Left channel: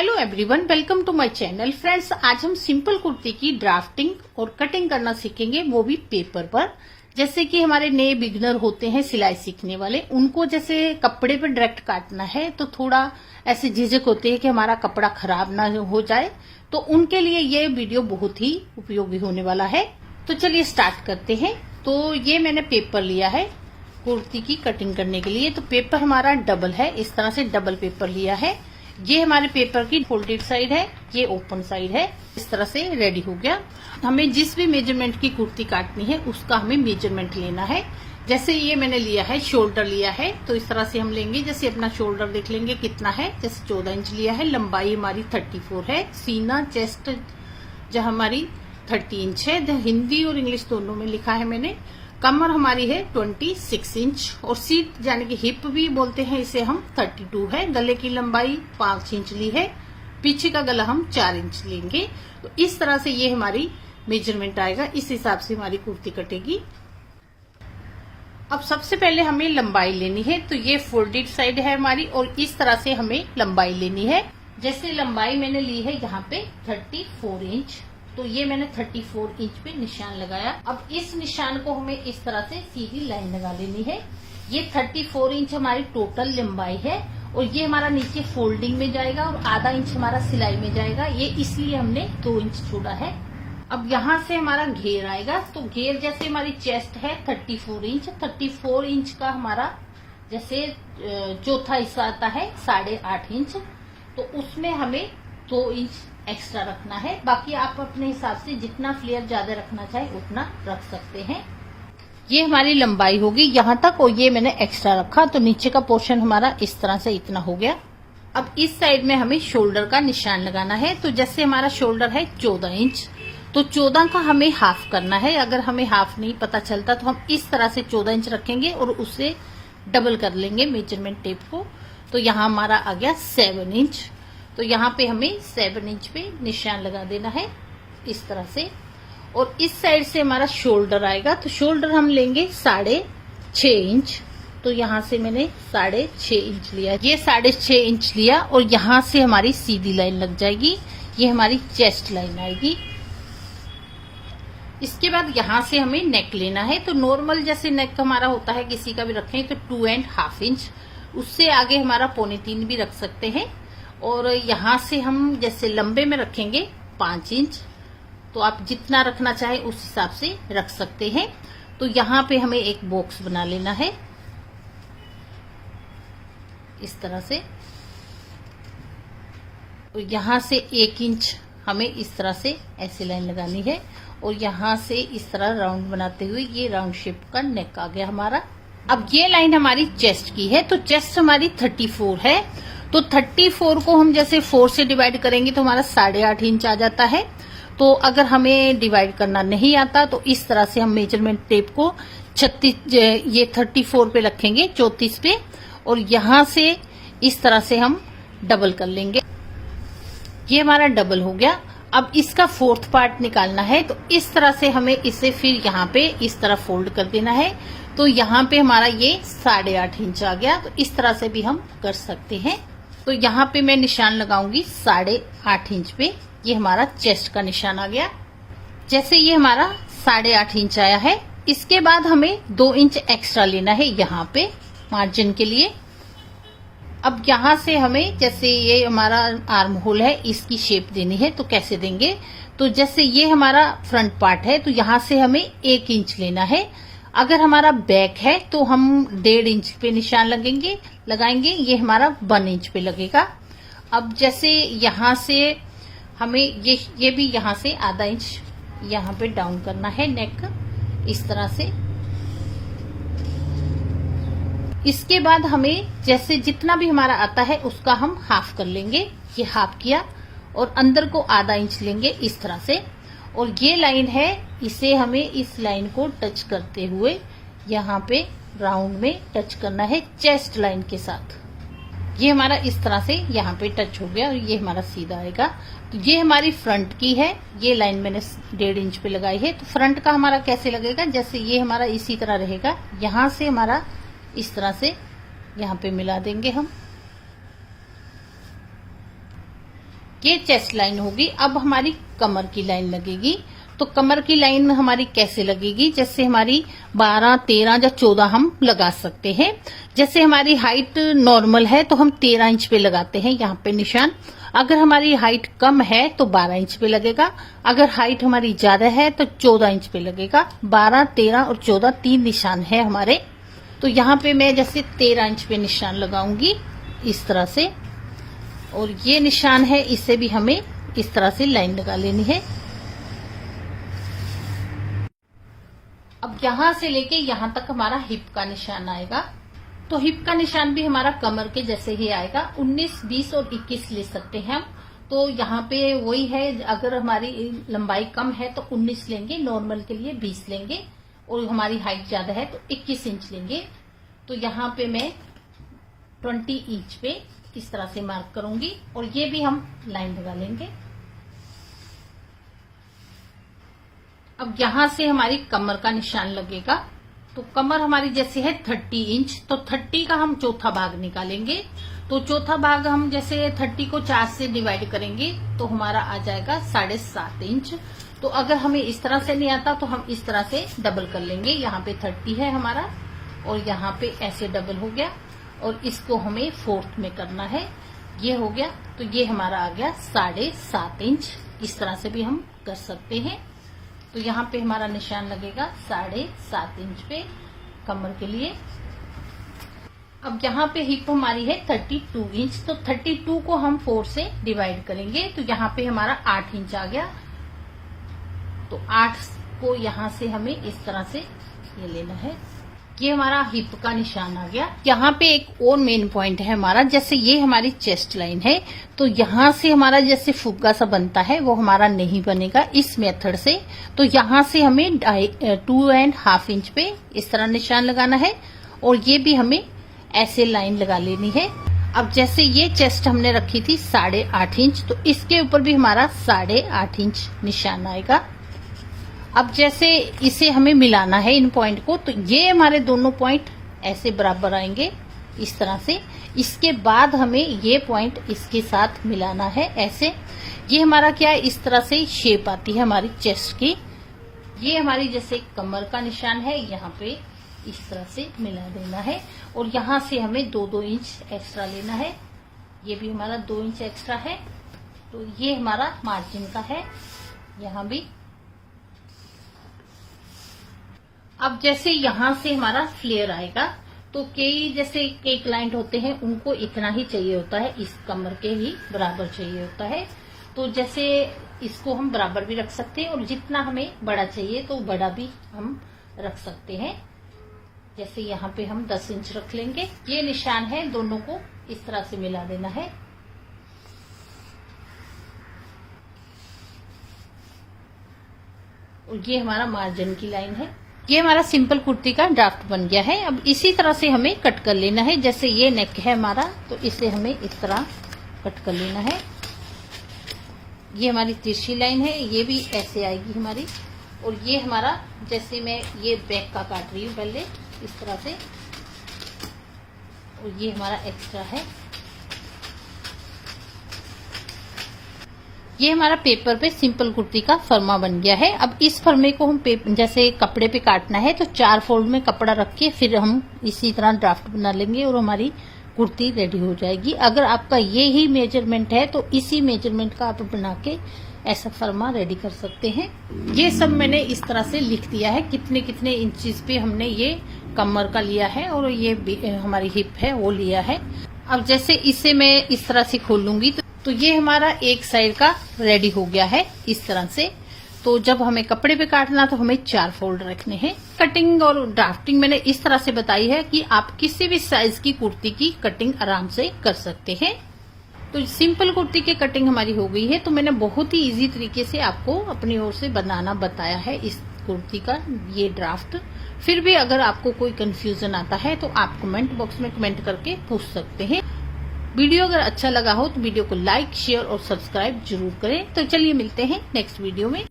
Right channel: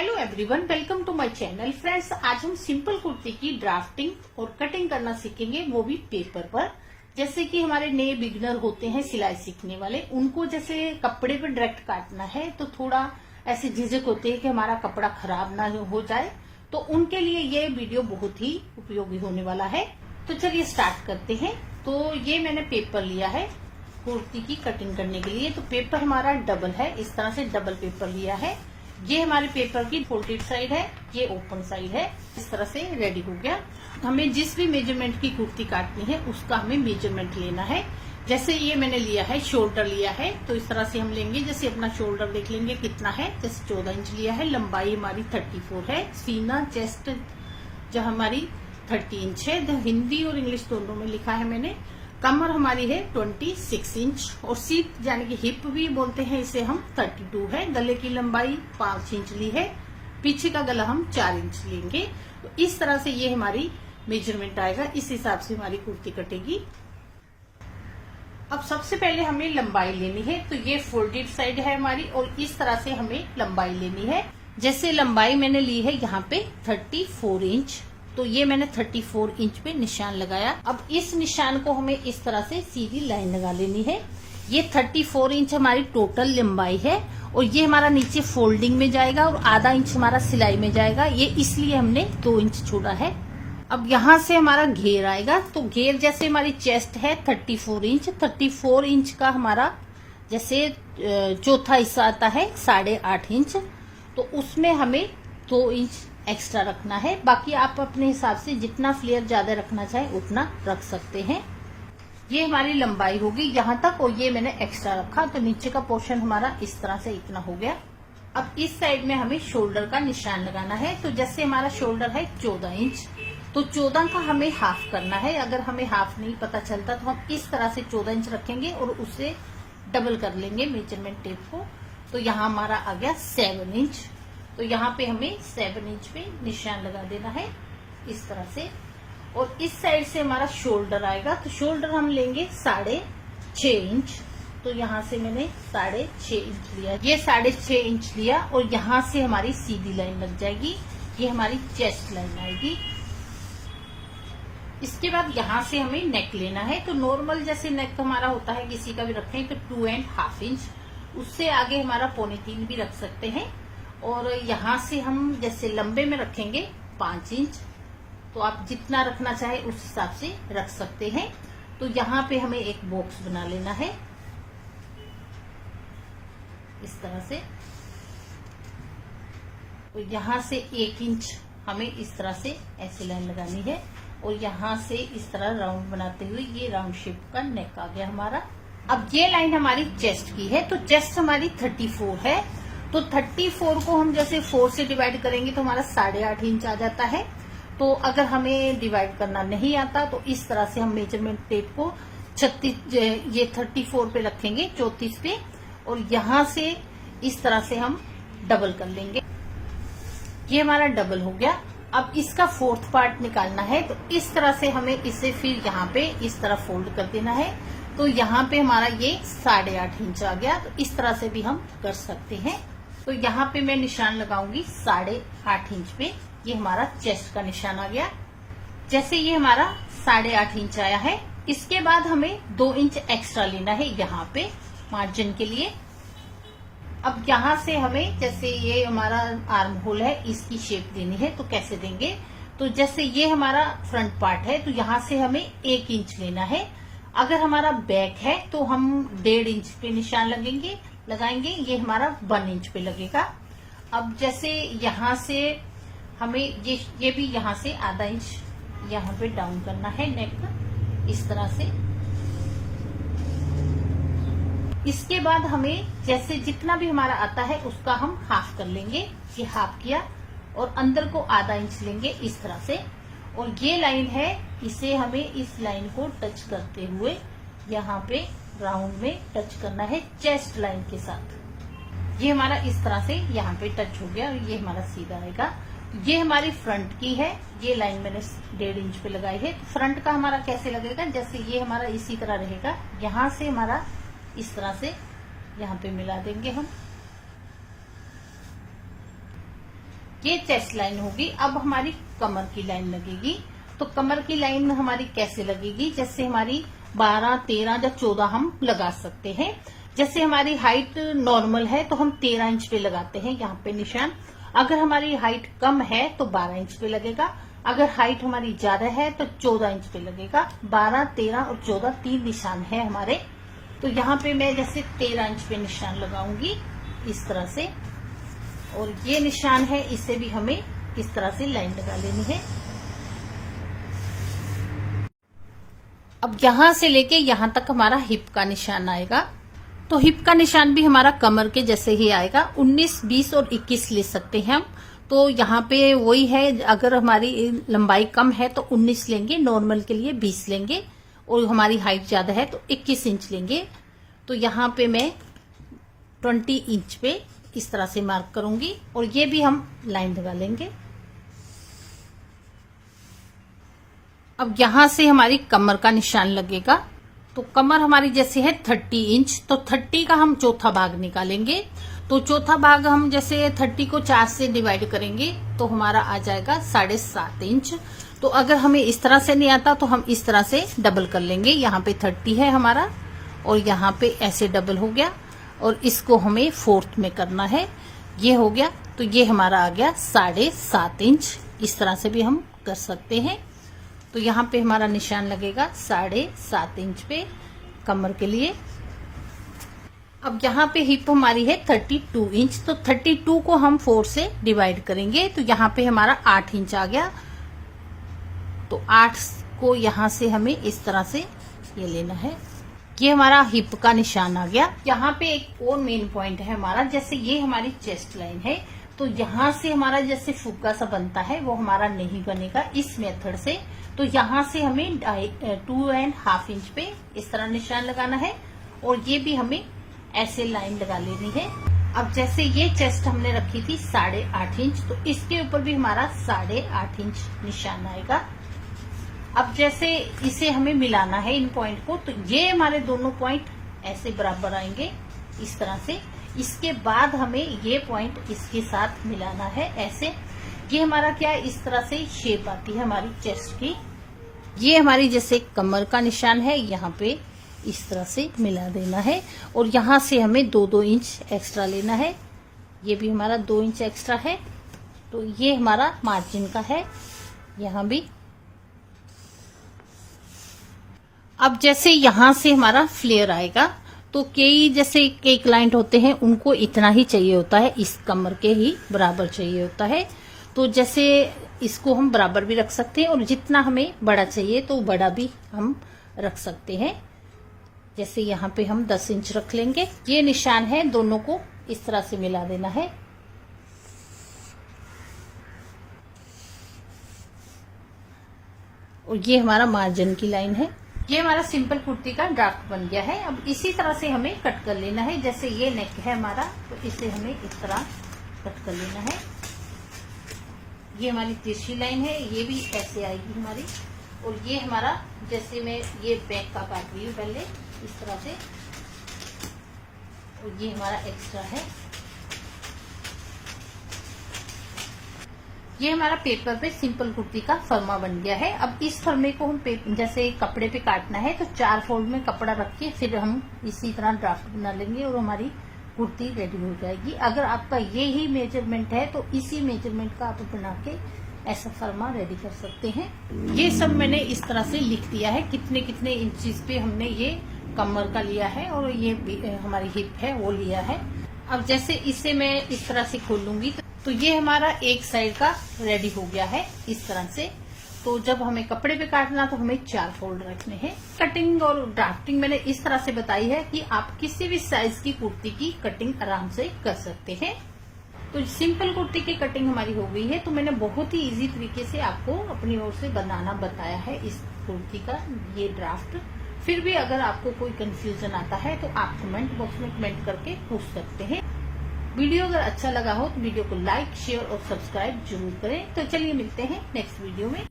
Hello everyone, welcome to my channel. Friends, आज हम simple kurti की ड्राफ्टिंग और कटिंग करना सीखेंगे, वो भी पेपर पर। जैसे कि हमारे नए बिगनर होते हैं सिलाई सीखने वाले, उनको जैसे कपड़े पे डायरेक्ट काटना है तो थोड़ा ऐसे झिझक होती है कि हमारा कपड़ा खराब ना हो जाए, तो उनके लिए ये वीडियो बहुत ही उपयोगी होने वाला है। तो चलिए स्टार्ट करते हैं। तो ये मैंने पेपर लिया है कुर्ती की कटिंग करने के लिए। तो पेपर हमारा डबल है, इस तरह से डबल पेपर लिया है। ये हमारे पेपर की फोल्डेड साइड है, ये ओपन साइड है। इस तरह से रेडी हो गया। हमें जिस भी मेजरमेंट की कुर्ती काटनी है उसका हमें मेजरमेंट लेना है। जैसे ये मैंने लिया है, शोल्डर लिया है, तो इस तरह से हम लेंगे। जैसे अपना शोल्डर देख लेंगे कितना है, जैसे 14 इंच लिया है। लंबाई हमारी 34 है। सीना चेस्ट जो हमारी 30 इंच है, हिंदी और इंग्लिश दोनों में लिखा है मैंने। कमर हमारी है 26 इंच और सीट यानी कि हिप भी बोलते हैं इसे हम, 32 है। गले की लंबाई 5 इंच ली है। पीछे का गला हम 4 इंच लेंगे। तो इस तरह से ये हमारी मेजरमेंट आएगा, इस हिसाब से हमारी कुर्ती कटेगी। अब सबसे पहले हमें लंबाई लेनी है। तो ये फोल्डेड साइड है हमारी और इस तरह से हमें लंबाई लेनी है। जैसे लंबाई मैंने ली है यहाँ पे 34 इंच, तो ये मैंने 34 इंच पे निशान लगाया। अब इस निशान को हमें इस तरह से सीधी लाइन लगा लेनी है। ये 34 इंच हमारी टोटल लंबाई है और ये हमारा नीचे फोल्डिंग में जाएगा और आधा इंच हमारा सिलाई में जाएगा। ये इसलिए हमने 2 इंच छोड़ा है। अब यहाँ से हमारा घेर आएगा। तो घेर जैसे हमारी चेस्ट है 34 इंच, 34 इंच का हमारा जैसे चौथा हिस्सा आता है 8.5 इंच, तो उसमें हमें 2 इंच एक्स्ट्रा रखना है। बाकी आप अपने हिसाब से जितना फ्लेयर ज्यादा रखना चाहे उतना रख सकते हैं। ये हमारी लंबाई होगी यहाँ तक और ये मैंने एक्स्ट्रा रखा, तो नीचे का पोर्शन हमारा इस तरह से इतना हो गया। अब इस साइड में हमें शोल्डर का निशान लगाना है। तो जैसे हमारा शोल्डर है 14 इंच, तो 14 का हमें हाफ करना है। अगर हमें हाफ नहीं पता चलता तो हम इस तरह से 14 इंच रखेंगे और उसे डबल कर लेंगे मेजरमेंट टेप को। तो यहाँ हमारा आ गया 7 इंच। तो यहाँ पे हमें 7 इंच पे निशान लगा देना है इस तरह से। और इस साइड से हमारा शोल्डर आएगा। तो शोल्डर हम लेंगे 6.5 इंच। तो यहाँ से मैंने 6.5 इंच लिया, ये 6.5 इंच लिया और यहाँ से हमारी सीधी लाइन लग जाएगी। ये हमारी चेस्ट लाइन आएगी। इसके बाद यहाँ से हमें नेक लेना है। तो नॉर्मल जैसे नेक हमारा होता है, किसी का भी रखें तो 2.5 इंच। उससे आगे हमारा 2.25 भी रख सकते हैं। और यहाँ से हम जैसे लंबे में रखेंगे 5 इंच, तो आप जितना रखना चाहे उस हिसाब से रख सकते हैं। तो यहाँ पे हमें एक बॉक्स बना लेना है इस तरह से। और यहाँ से 1 इंच हमें इस तरह से ऐसे लाइन लगानी है और यहाँ से इस तरह राउंड बनाते हुए ये राउंड शेप का नेक आ गया हमारा। अब ये लाइन हमारी चेस्ट की है। तो चेस्ट हमारी 34 है। तो 34 को हम जैसे 4 से डिवाइड करेंगे तो हमारा 8.5 इंच आ जाता है। तो अगर हमें डिवाइड करना नहीं आता तो इस तरह से हम मेजरमेंट टेप को 34 पे रखेंगे, 34 पे, और यहाँ से इस तरह से हम डबल कर लेंगे। ये हमारा डबल हो गया। अब इसका 4th पार्ट निकालना है। तो इस तरह से हमें इसे फिर यहाँ पे इस तरह फोल्ड कर देना है। तो यहाँ पे हमारा ये 8.5 इंच आ गया। तो इस तरह से भी हम कर सकते हैं। तो यहाँ पे मैं निशान लगाऊंगी 8.5 इंच पे। ये हमारा चेस्ट का निशान आ गया। जैसे ये हमारा 8.5 इंच आया है, इसके बाद हमें 2 इंच एक्स्ट्रा लेना है यहाँ पे मार्जिन के लिए। अब यहाँ से हमें जैसे ये हमारा आर्म होल है, इसकी शेप देनी है। तो कैसे देंगे, तो जैसे ये हमारा फ्रंट पार्ट है तो यहाँ से हमें 1 इंच लेना है। अगर हमारा बैक है तो हम 1.5 इंच पे निशान लगाएंगे। ये हमारा 1 इंच पे लगेगा। अब जैसे यहाँ से हमें ये भी यहाँ से आधा इंच यहाँ पे डाउन करना है नेक इस तरह से। इसके बाद हमें जैसे जितना भी हमारा आता है उसका हम हाफ कर लेंगे। ये हाफ किया और अंदर को आधा इंच लेंगे इस तरह से। और ये लाइन है, इसे हमें इस लाइन को टच करते हुए यहाँ पे राउंड में टच करना है चेस्ट लाइन के साथ। ये हमारा इस तरह से यहाँ पे टच हो गया और ये हमारा सीधा आएगा। तो ये हमारी फ्रंट की है। ये लाइन मैंने 1.5 इंच पे लगाई है। तो फ्रंट का हमारा कैसे लगेगा, जैसे ये हमारा इसी तरह रहेगा। यहाँ से हमारा इस तरह से यहाँ पे मिला देंगे हम। ये चेस्ट लाइन होगी। अब हमारी कमर की लाइन लगेगी। तो कमर की लाइन हमारी कैसे लगेगी, जैसे हमारी 12, 13 या 14 हम लगा सकते हैं। जैसे हमारी हाइट नॉर्मल है तो हम 13 इंच पे लगाते हैं यहाँ पे निशान। अगर हमारी हाइट कम है तो 12 इंच पे लगेगा। अगर हाइट हमारी ज्यादा है तो 14 इंच पे लगेगा। 12, 13 और 14 3 निशान है हमारे। तो यहाँ पे मैं जैसे 13 इंच पे निशान लगाऊंगी इस तरह से, और ये निशान है इसे भी हमें इस तरह से लाइन लगा लेनी है। अब यहां से लेके यहां तक हमारा हिप का निशान आएगा। तो हिप का निशान भी हमारा कमर के जैसे ही आएगा। 19, 20 और 21 ले सकते हैं हम। तो यहाँ पे वही है, अगर हमारी लंबाई कम है तो 19 लेंगे, नॉर्मल के लिए 20 लेंगे, और हमारी हाइट ज्यादा है तो 21 इंच लेंगे। तो यहाँ पे मैं 20 इंच पे इस तरह से मार्क करूंगी, और ये भी हम लाइन लगा लेंगे। अब यहां से हमारी कमर का निशान लगेगा। तो कमर हमारी जैसे है 30 इंच, तो 30 का हम चौथा भाग निकालेंगे। तो चौथा भाग हम जैसे 30 को 4 से डिवाइड करेंगे तो हमारा आ जाएगा 7.5 इंच। तो अगर हमें इस तरह से नहीं आता तो हम इस तरह से डबल कर लेंगे। यहाँ पे 30 है हमारा, और यहाँ पे ऐसे डबल हो गया, और इसको हमें 4th में करना है। ये हो गया, तो ये हमारा आ गया 7.5 इंच। इस तरह से भी हम कर सकते हैं। तो यहाँ पे हमारा निशान लगेगा 7.5 इंच पे कमर के लिए। अब यहाँ पे हिप हमारी है 32 इंच, तो 32 को हम 4 से डिवाइड करेंगे। तो यहाँ पे हमारा 8 इंच आ गया। तो 8 को यहाँ से हमें इस तरह से ये लेना है। ये हमारा हिप का निशान आ गया। यहाँ पे एक और मेन पॉइंट है हमारा, जैसे ये हमारी चेस्ट लाइन है, तो यहाँ से हमारा जैसे फुग्गा सा बनता है वो हमारा नहीं बनेगा इस मेथड से। तो यहाँ से हमें 2.5 इंच पे इस तरह निशान लगाना है, और ये भी हमें ऐसे लाइन लगा लेनी है। अब जैसे ये चेस्ट हमने रखी थी 8.5 इंच, तो इसके ऊपर भी हमारा 8.5 इंच निशान आएगा। अब जैसे इसे हमें मिलाना है इन पॉइंट को, तो ये हमारे दोनों पॉइंट ऐसे बराबर आएंगे इस तरह से। इसके बाद हमें ये पॉइंट इसके साथ मिलाना है ऐसे। ये हमारा क्या है, इस तरह से शेप आती है हमारी चेस्ट की। ये हमारी जैसे कमर का निशान है, यहाँ पे इस तरह से मिला देना है, और यहाँ से हमें 2-2 इंच एक्स्ट्रा लेना है। ये भी हमारा 2 इंच एक्स्ट्रा है। तो ये हमारा मार्जिन का है यहाँ भी। अब जैसे यहाँ से हमारा फ्लेयर आएगा, तो कई क्लाइंट होते हैं उनको इतना ही चाहिए होता है, इस कमर के ही बराबर चाहिए होता है। तो जैसे इसको हम बराबर भी रख सकते हैं, और जितना हमें बड़ा चाहिए तो बड़ा भी हम रख सकते हैं। जैसे यहाँ पे हम 10 इंच रख लेंगे। ये निशान है, दोनों को इस तरह से मिला देना है। और ये हमारा मार्जिन की लाइन है। ये हमारा सिंपल कुर्ती का ड्राफ्ट बन गया है। अब इसी तरह से हमें कट कर लेना है। जैसे ये नेक है हमारा, तो इसे हमें इस तरह कट कर लेना है। ये हमारी तिरछी लाइन है, ये भी ऐसे आएगी हमारी। और ये हमारा, जैसे मैं ये बैक का काट रही हूँ पहले इस तरह से, और ये हमारा एक्स्ट्रा है। ये हमारा पेपर पे सिंपल कुर्ती का फर्मा बन गया है। अब इस फर्मे को हम जैसे कपड़े पे काटना है, तो 4 फोल्ड में कपड़ा रख के फिर हम इसी तरह ड्राफ्ट बना लेंगे, और हमारी कुर्ती रेडी हो जाएगी। अगर आपका ये ही मेजरमेंट है तो इसी मेजरमेंट का आप बना के ऐसा फर्मा रेडी कर सकते हैं। ये सब मैंने इस तरह से लिख दिया है, कितने कितने इंचेस पे हमने ये कमर का लिया है, और ये हमारी हिप है वो लिया है। अब जैसे इसे मैं इस तरह से खोलूंगी, तो ये हमारा एक साइड का रेडी हो गया है इस तरह से। तो जब हमें कपड़े पे काटना तो हमें 4 फोल्ड रखने हैं। कटिंग और ड्राफ्टिंग मैंने इस तरह से बताई है कि आप किसी भी साइज की कुर्ती की कटिंग आराम से कर सकते हैं। तो सिंपल कुर्ती की कटिंग हमारी हो गई है। तो मैंने बहुत ही इजी तरीके से आपको अपनी ओर से बनाना बताया है इस कुर्ती का ये ड्राफ्ट। फिर भी अगर आपको कोई कंफ्यूजन आता है तो आप कमेंट बॉक्स में कमेंट करके पूछ सकते हैं। वीडियो अगर अच्छा लगा हो तो वीडियो को लाइक, शेयर और सब्सक्राइब जरूर करें। तो चलिए मिलते हैं नेक्स्ट वीडियो में।